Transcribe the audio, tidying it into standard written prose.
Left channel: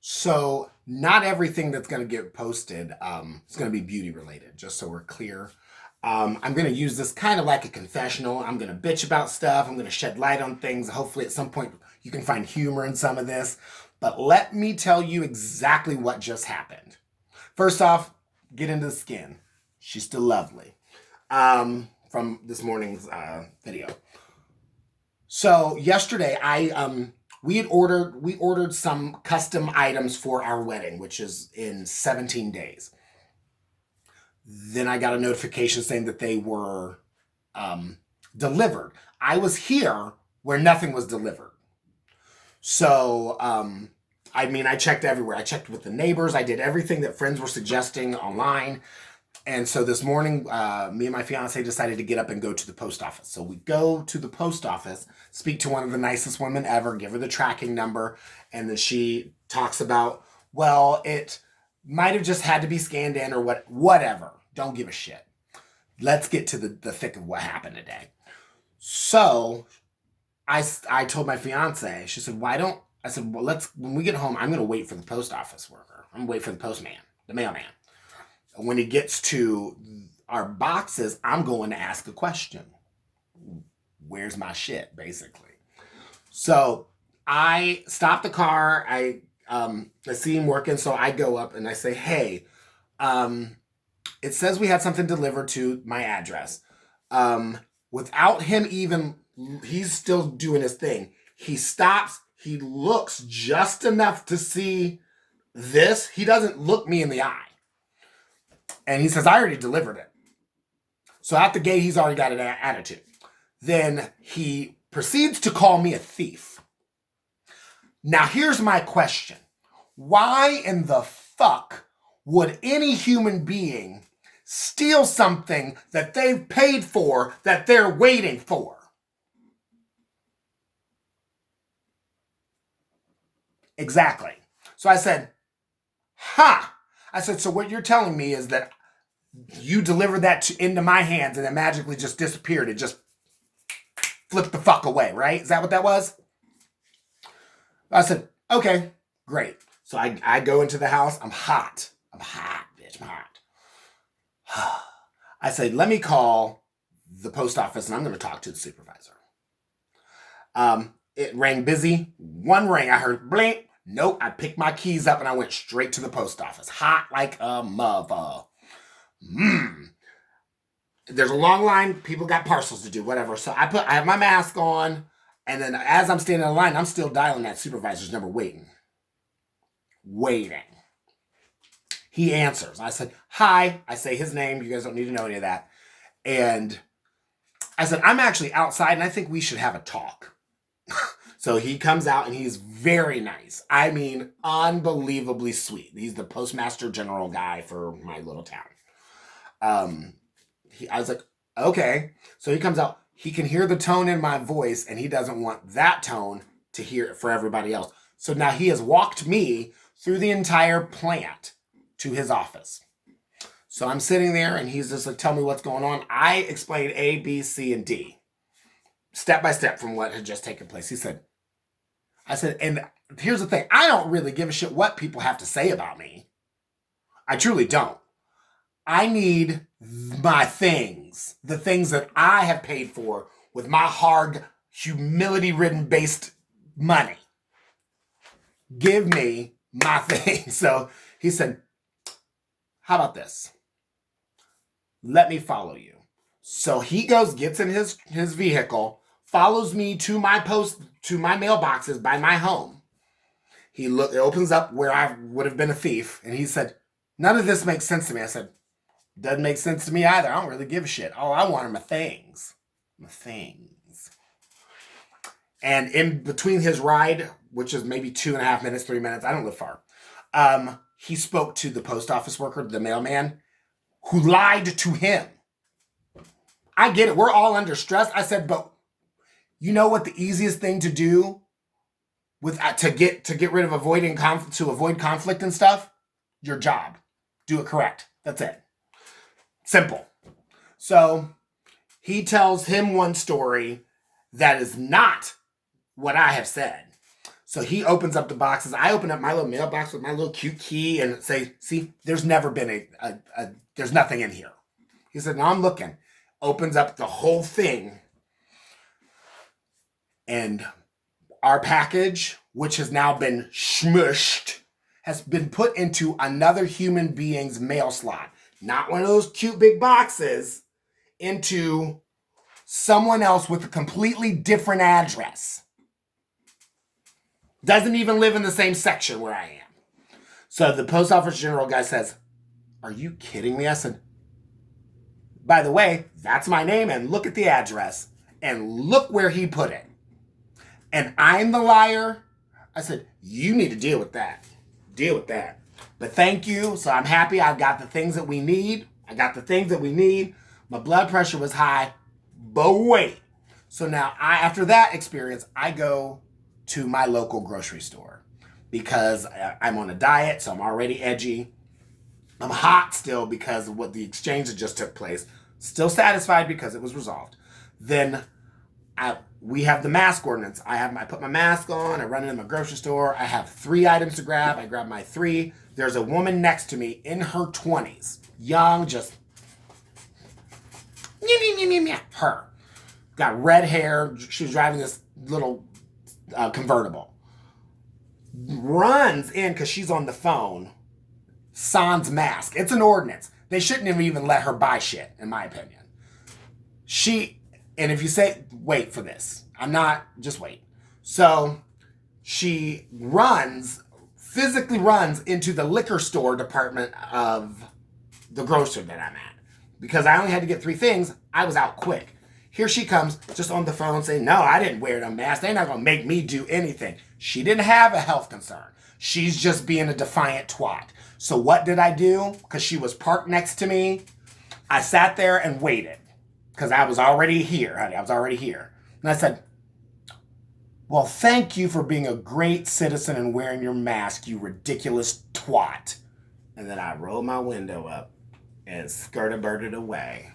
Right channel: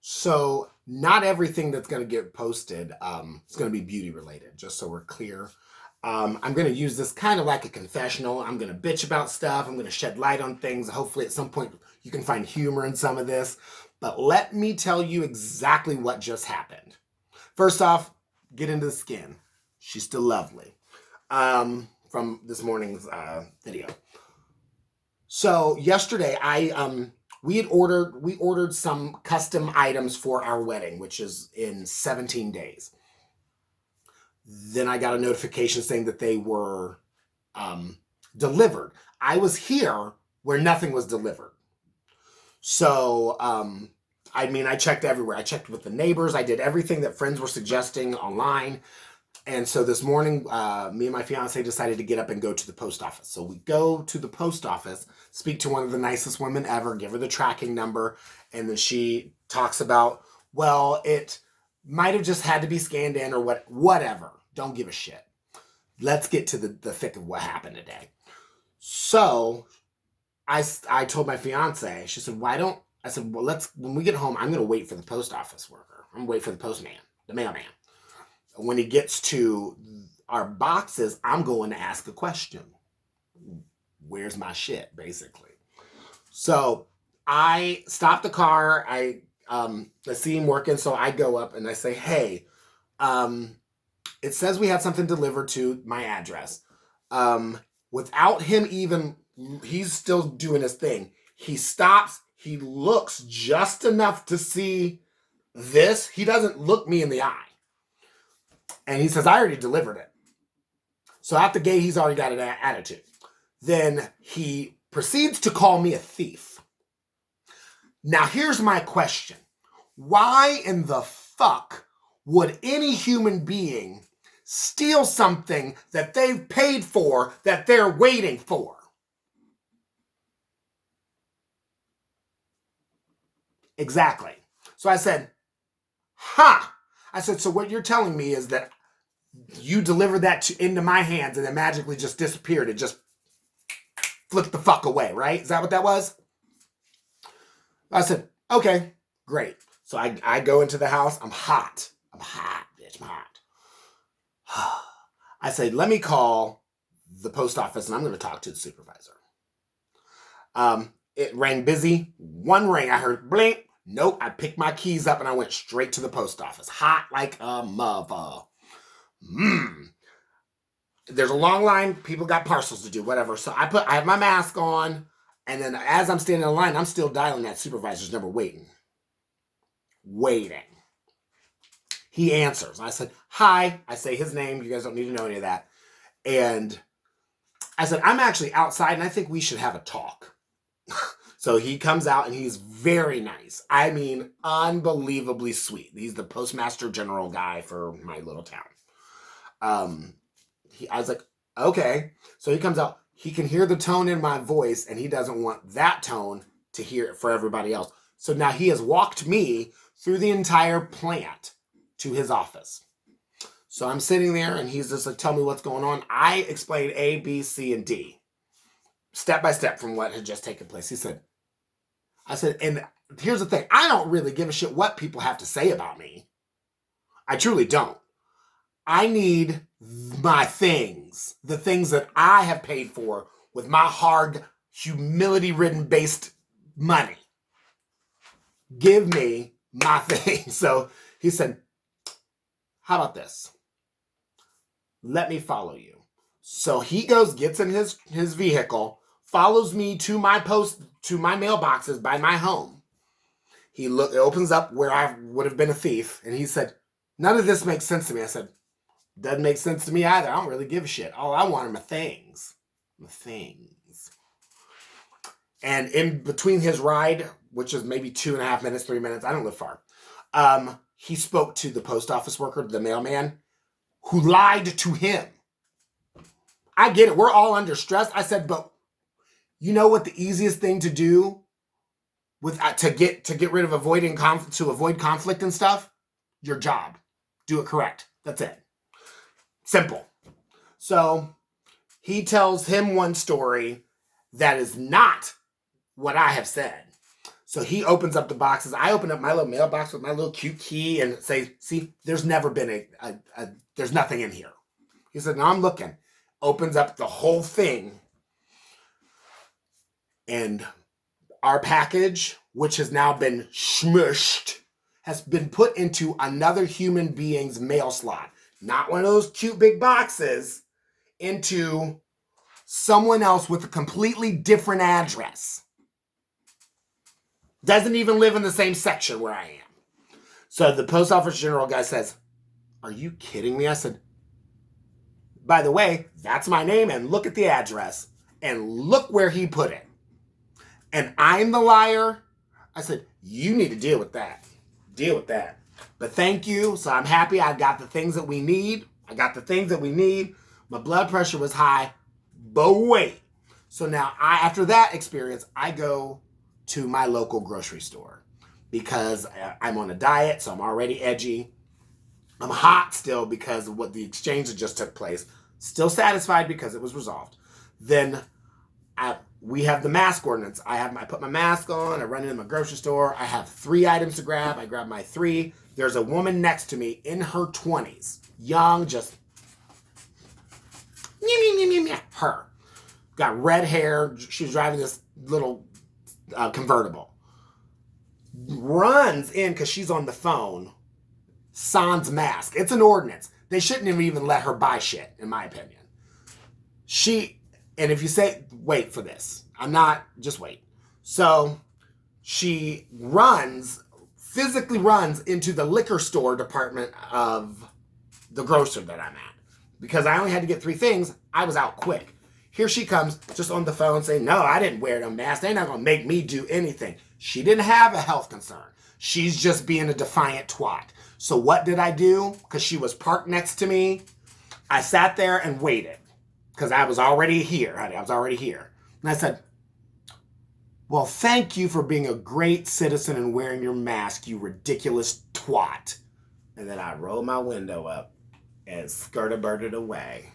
So not everything that's going to get posted is going to be beauty related, just so we're clear. I'm going to use this kind of like a confessional. I'm going to bitch about stuff. I'm going to shed light on things. Hopefully at some point you can find humor in some of this. But let me tell you exactly what just happened. First off, get into the skin. She's still lovely. From this morning's video. So yesterday we ordered some custom items for our wedding, which is in 17 days. Then I got a notification saying that they were delivered. I was here where nothing was delivered. So, I checked everywhere. I checked with the neighbors. I did everything that friends were suggesting online. And so this morning, me and my fiance decided to get up and go to the post office. So we go to the post office, speak to one of the nicest women ever, give her the tracking number, and then she talks about, well, it might have just had to be scanned in or whatever. Don't give a shit. Let's get to the thick of what happened today. So I told my fiance, she said, I said, well, when we get home, I'm going to wait for the post office worker. I'm going to wait for the postman, the mailman. When he gets to our boxes, I'm going to ask a question. Where's my shit, basically? So I stop the car. I see him working, so I go up and I say, hey, it says we had something delivered to my address. Without him even, he's still doing his thing. He stops. He looks just enough to see this. He doesn't look me in the eye. And he says, I already delivered it. So at the gate, he's already got an attitude. Then he proceeds to call me a thief. Now, here's my question. Why in the fuck would any human being steal something that they've paid for, that they're waiting for? Exactly. So I said, I said, so what you're telling me is that you delivered that into my hands and it magically just disappeared. It just flipped the fuck away, right? Is that what that was? I said, okay, great. So I go into the house. I'm hot, bitch. I'm hot. I said, let me call the post office and I'm going to talk to the supervisor. It rang busy. One ring, I heard blink. Nope, I picked my keys up and I went straight to the post office. Hot like a mother. There's a long line. People got parcels to do, whatever. So I have my mask on. And then as I'm standing in line, I'm still dialing that supervisor's number, waiting. He answers. I said, hi. I say his name. You guys don't need to know any of that. And I said, I'm actually outside and I think we should have a talk. So he comes out and he's very nice. I mean, unbelievably sweet. He's the postmaster general guy for my little town. I was like, okay. So he comes out. He can hear the tone in my voice and he doesn't want that tone to hear it for everybody else. So now he has walked me through the entire plant to his office. So I'm sitting there and he's just like, tell me what's going on. I explained A, B, C, and D. Step by step from what had just taken place. I said, and here's the thing. I don't really give a shit what people have to say about me. I truly don't. I need my things, the things that I have paid for with my hard, humility-ridden based money. Give me my thing. So he said, how about this? Let me follow you. So he goes, gets in his vehicle, follows me to my mailboxes by my home. He opens up where I would have been a thief, and he said, none of this makes sense to me. I said, doesn't make sense to me either. I don't really give a shit. All I want are my things. My things. And in between his ride, which is maybe 2.5 minutes, 3 minutes, I don't live far, he spoke to the post office worker, the mailman, who lied to him. I get it. We're all under stress. I said, but you know what the easiest thing to do to get rid of avoid conflict and stuff? Your job. Do it correct. That's it. Simple. So he tells him one story that is not what I have said. So he opens up the boxes. I open up my little mailbox with my little cute key and say, see, there's never been there's nothing in here. He said, no, I'm looking. Opens up the whole thing. And our package, which has now been smushed, has been put into another human being's mail slot. Not one of those cute big boxes, into someone else with a completely different address. Doesn't even live in the same section where I am. So the post office general guy says, are you kidding me? I said, by the way, that's my name, and look at the address, and look where he put it. And I'm the liar. I said, you need to deal with that. Deal with that. But thank you. So I'm happy I got the things that we need. My blood pressure was high, but wait. So now after that experience, I go to my local grocery store because I'm on a diet, so I'm already edgy. I'm hot still because of what the exchange that just took place. Still satisfied because it was resolved. Then we have the mask ordinance. I put my mask on. I run into my grocery store. I have 3 items to grab. I grab my 3. There's a woman next to me in her 20s. Young, just her. Got red hair. She was driving this little convertible. Runs in because she's on the phone. Sans mask. It's an ordinance. They shouldn't have even let her buy shit, in my opinion. And if you say, wait for this, just wait. So she physically runs into the liquor store department of the grocer that I'm at. Because I only had to get 3 things, I was out quick. Here she comes, just on the phone saying, no, I didn't wear no mask. They're not going to make me do anything. She didn't have a health concern. She's just being a defiant twat. So what did I do? Because she was parked next to me. I sat there and waited. Because I was already here, honey. I was already here. And I said, well, thank you for being a great citizen and wearing your mask, you ridiculous twat. And then I rolled my window up and skirted-birded away.